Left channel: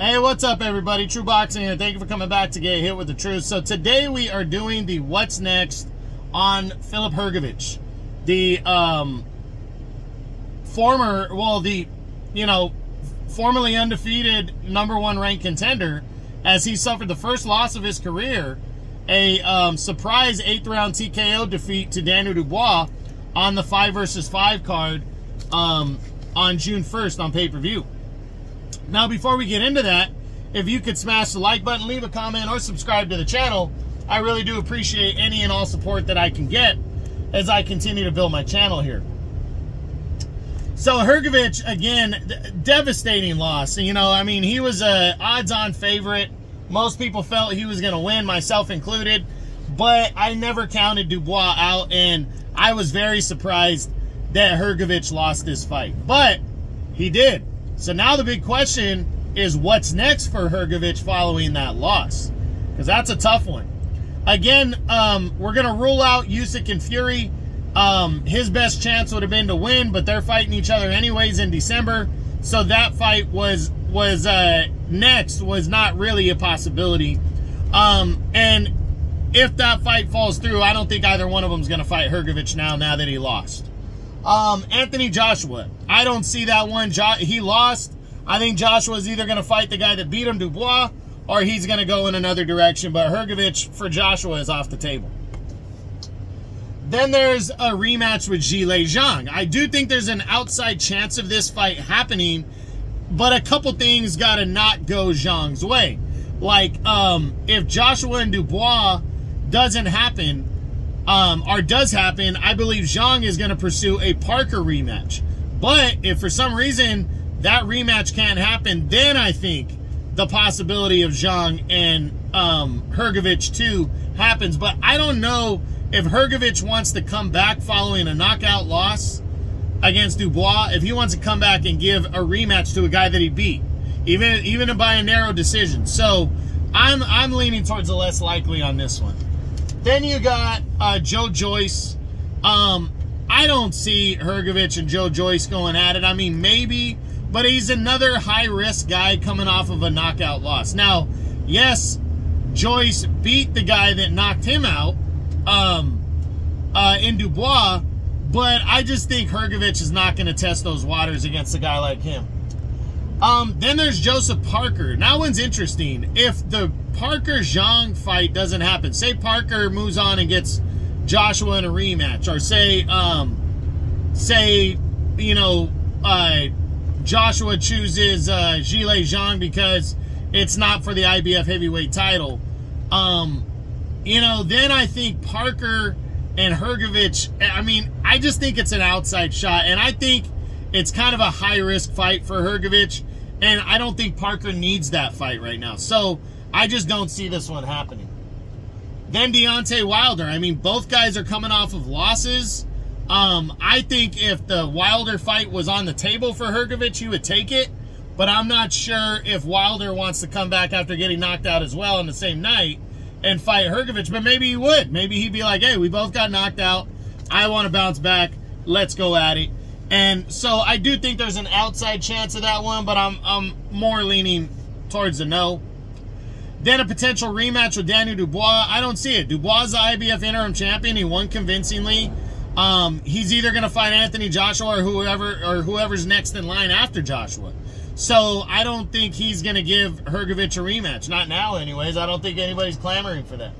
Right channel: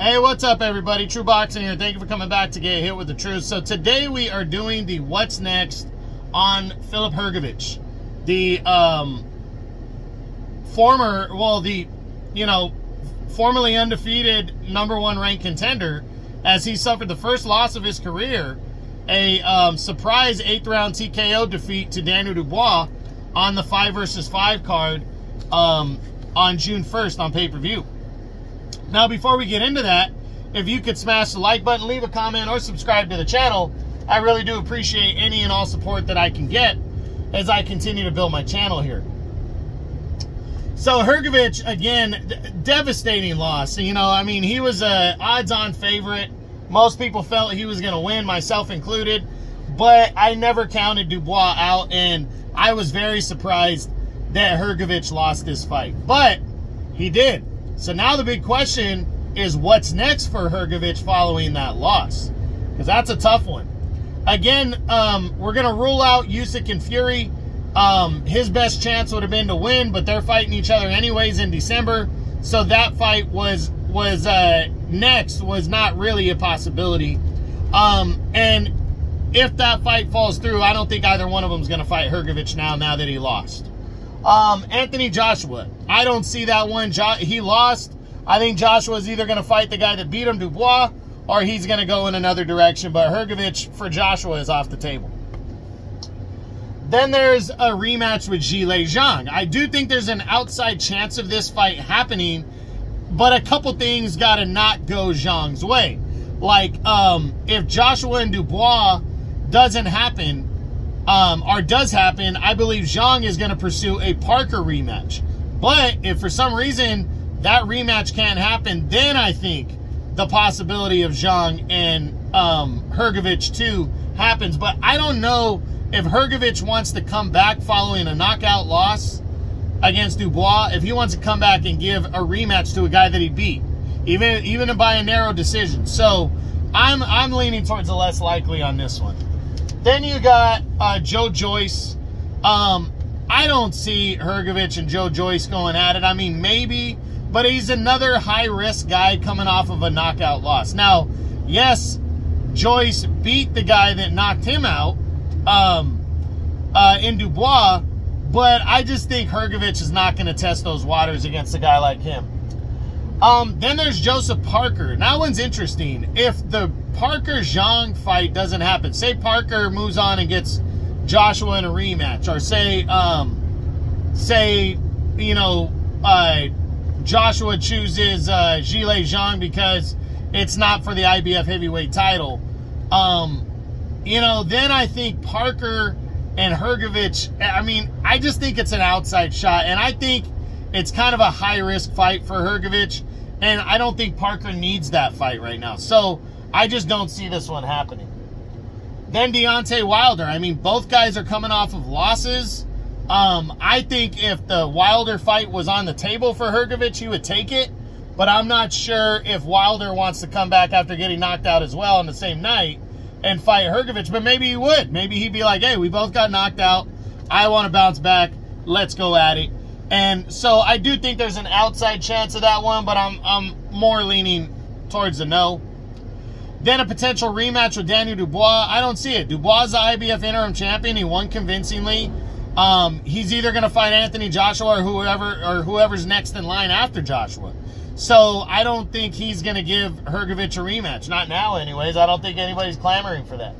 Hey, what's up, everybody? True Boxing here. Thank you for coming back to get hit with the truth. So today we are doing the what's next on Filip Hrgovic, the formerly undefeated #1 ranked contender, as he suffered the first loss of his career, a surprise 8th round TKO defeat to Daniel Dubois on the 5 vs. 5 card on June 1st on pay-per-view. Now, before we get into that, if you could smash the like button, leave a comment, or subscribe to the channel, I really do appreciate any and all support that I can get as I continue to build my channel here. So Hrgovic, again, devastating loss. You know, I mean, he was a odds-on favorite. Most people felt he was going to win, myself included, but I never counted Dubois out, and I was very surprised that Hrgovic lost this fight, but he did. So now the big question is, what's next for Hrgovic following that loss? Because that's a tough one. Again, we're going to rule out Usyk and Fury. His best chance would have been to win, but they're fighting each other anyways in December. So that fight was not really a possibility. And if that fight falls through, I don't think either one of them is going to fight Hrgovic now that he lost. Anthony Joshua, I don't see that one. He lost. I think Joshua is either going to fight the guy that beat him, Dubois, or he's going to go in another direction. But Hrgovic for Joshua is off the table. Then there's a rematch with Zhilei Zhang. I do think there's an outside chance of this fight happening, but a couple things got to not go Zhang's way. Like, if Joshua and Dubois doesn't happen, or does happen, I believe Zhang is going to pursue a Parker rematch. But if for some reason that rematch can't happen, then I think the possibility of Zhang and Hrgovic too happens. But I don't know if Hrgovic wants to come back following a knockout loss against Dubois, if he wants to come back and give a rematch to a guy that he beat, even by a narrow decision. So I'm leaning towards the less likely on this one. Then you got Joe Joyce. I don't see Hrgovic and Joe Joyce going at it. I mean, maybe, but he's another high-risk guy coming off of a knockout loss. Now, yes, Joyce beat the guy that knocked him out in Dubois, but I just think Hrgovic is not going to test those waters against a guy like him. Then there's Joseph Parker. Now, that one's interesting. If the Parker-Zhang fight doesn't happen, say Parker moves on and gets Joshua in a rematch, or Joshua chooses Zhilei Zhang because it's not for the IBF Heavyweight Title, then I think Parker and Hrgovic, I mean, I just think it's an outside shot, and I think it's kind of a high-risk fight for Hrgovic, and I don't think Parker needs that fight right now. So I just don't see this one happening. Then Deontay Wilder. I mean, both guys are coming off of losses. I think if the Wilder fight was on the table for Hrgovic, he would take it. But I'm not sure if Wilder wants to come back after getting knocked out as well on the same night and fight Hrgovic. But maybe he would. Maybe he'd be like, hey, we both got knocked out. I want to bounce back. Let's go at it. And so I do think there's an outside chance of that one, but I'm more leaning towards the no. Then a potential rematch with Daniel Dubois. I don't see it. Dubois is the IBF Interim Champion. He won convincingly. He's either going to fight Anthony Joshua or whoever's next in line after Joshua. So I don't think he's going to give Hrgovic a rematch. Not now, anyways. I don't think anybody's clamoring for that.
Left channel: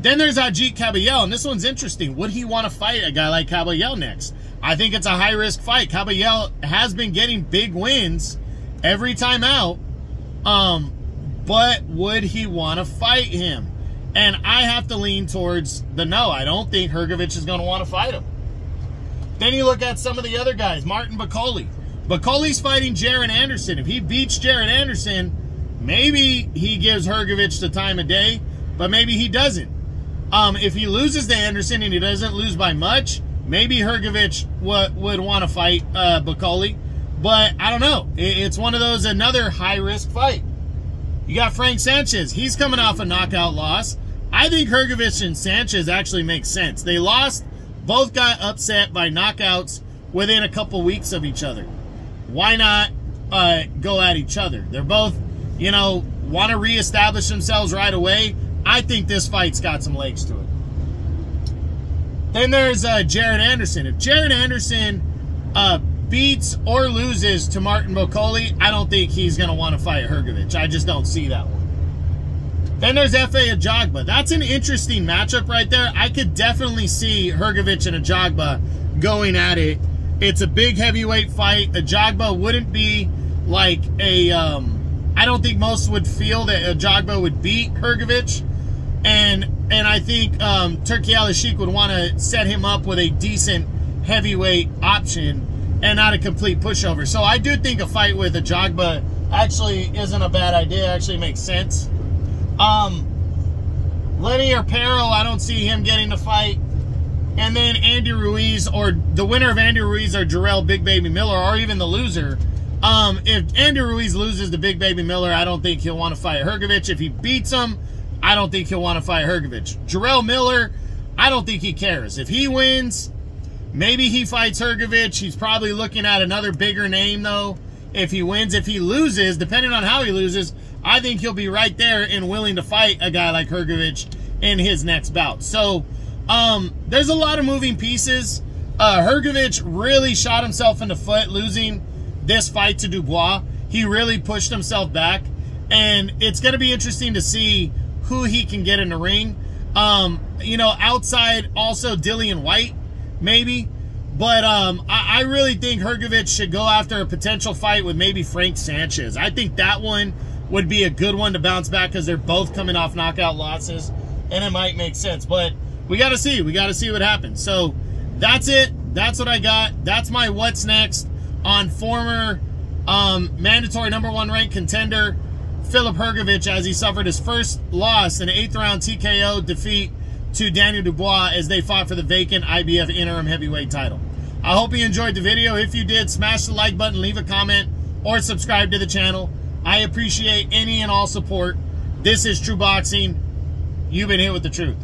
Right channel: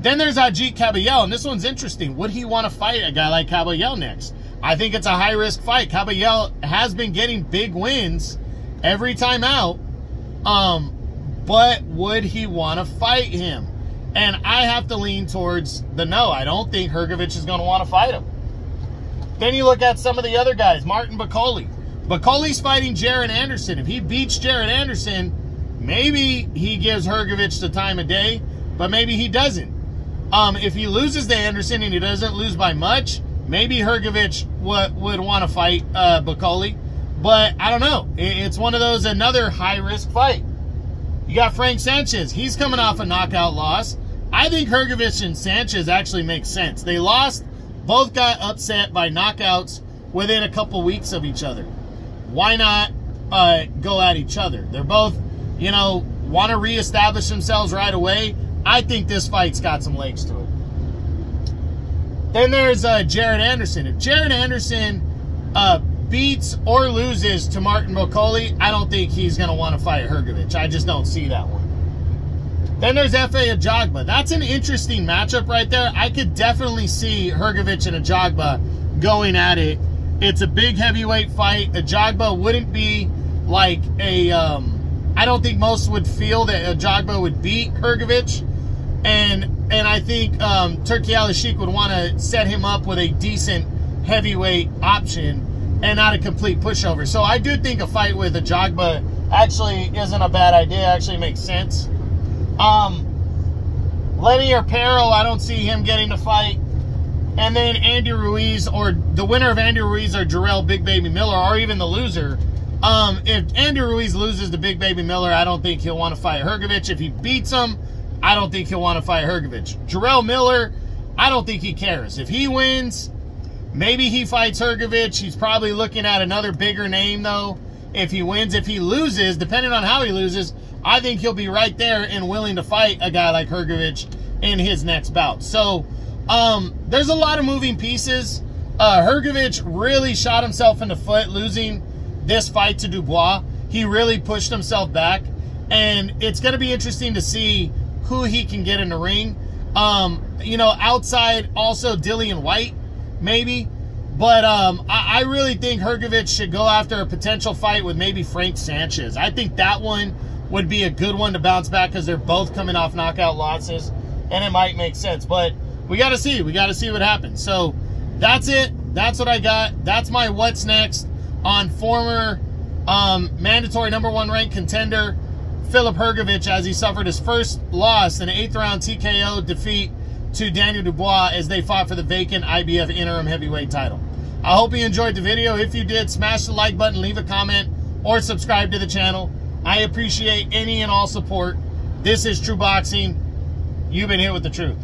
Then there's Ajit Caballel, and this one's interesting. Would he want to fight a guy like Caballel next? I think it's a high-risk fight. Caballel has been getting big wins every time out. But would he want to fight him? And I have to lean towards the no. I don't think Hrgovic is going to want to fight him. Then you look at some of the other guys. Martin Bakole. Bakole's fighting Jared Anderson. If he beats Jared Anderson, maybe he gives Hrgovic the time of day, but maybe he doesn't. If he loses to Anderson and he doesn't lose by much, maybe Hrgovic would want to fight Bakole. But I don't know. It's one of those, another high-risk fight. You got Frank Sanchez. He's coming off a knockout loss. I think Hrgovic and Sanchez actually make sense. They lost. Both got upset by knockouts within a couple weeks of each other. Why not go at each other. They're both, you know, want to reestablish themselves right away. I think this fight's got some legs to it. Then there's Jared Anderson. If Jared Anderson beats or loses to Martin Bocoli, I don't think he's going to want to fight Hrgovic. I just don't see that one. Then there's Efe Ajagba. That's an interesting matchup right there. I could definitely see Hrgovic and Ajagba going at it. It's a big heavyweight fight. Ajagba wouldn't be like a... I don't think most would feel that Ajagba would beat Hrgovic. And I think Turki Al-Sheikh would want to set him up with a decent heavyweight option and not a complete pushover. So I do think a fight with Ajagba actually isn't a bad idea. Actually makes sense. Lenny or Pero, I don't see him getting to fight. And then Andy Ruiz, or the winner of Andy Ruiz or Jarrell Big Baby Miller, or even the loser. If Andy Ruiz loses to Big Baby Miller, I don't think he'll want to fight Hrgovic. If he beats him, I don't think he'll want to fight Hrgovic. Jarrell Miller, I don't think he cares. If he wins, maybe he fights Hrgovic. He's probably looking at another bigger name, though, if he wins. If he loses, depending on how he loses, I think he'll be right there and willing to fight a guy like Hrgovic in his next bout. So, there's a lot of moving pieces. Hrgovic really shot himself in the foot losing this fight to Dubois. He really pushed himself back, and it's going to be interesting to see who he can get in the ring. You know, outside also Dillian White, maybe. But I really think Hrgovic should go after a potential fight with maybe Frank Sanchez. I think that one would be a good one to bounce back because they're both coming off knockout losses, and it might make sense. But we got to see. We got to see what happens. So that's it. That's what I got. That's my what's next on former mandatory #1 ranked contender Filip Hrgovic, as he suffered his first loss in an 8th round TKO defeat to Daniel Dubois as they fought for the vacant IBF Interim Heavyweight Title. I hope you enjoyed the video. If you did, smash the like button, leave a comment, or subscribe to the channel. I appreciate any and all support. This is True Boxing. You've been hit with the truth.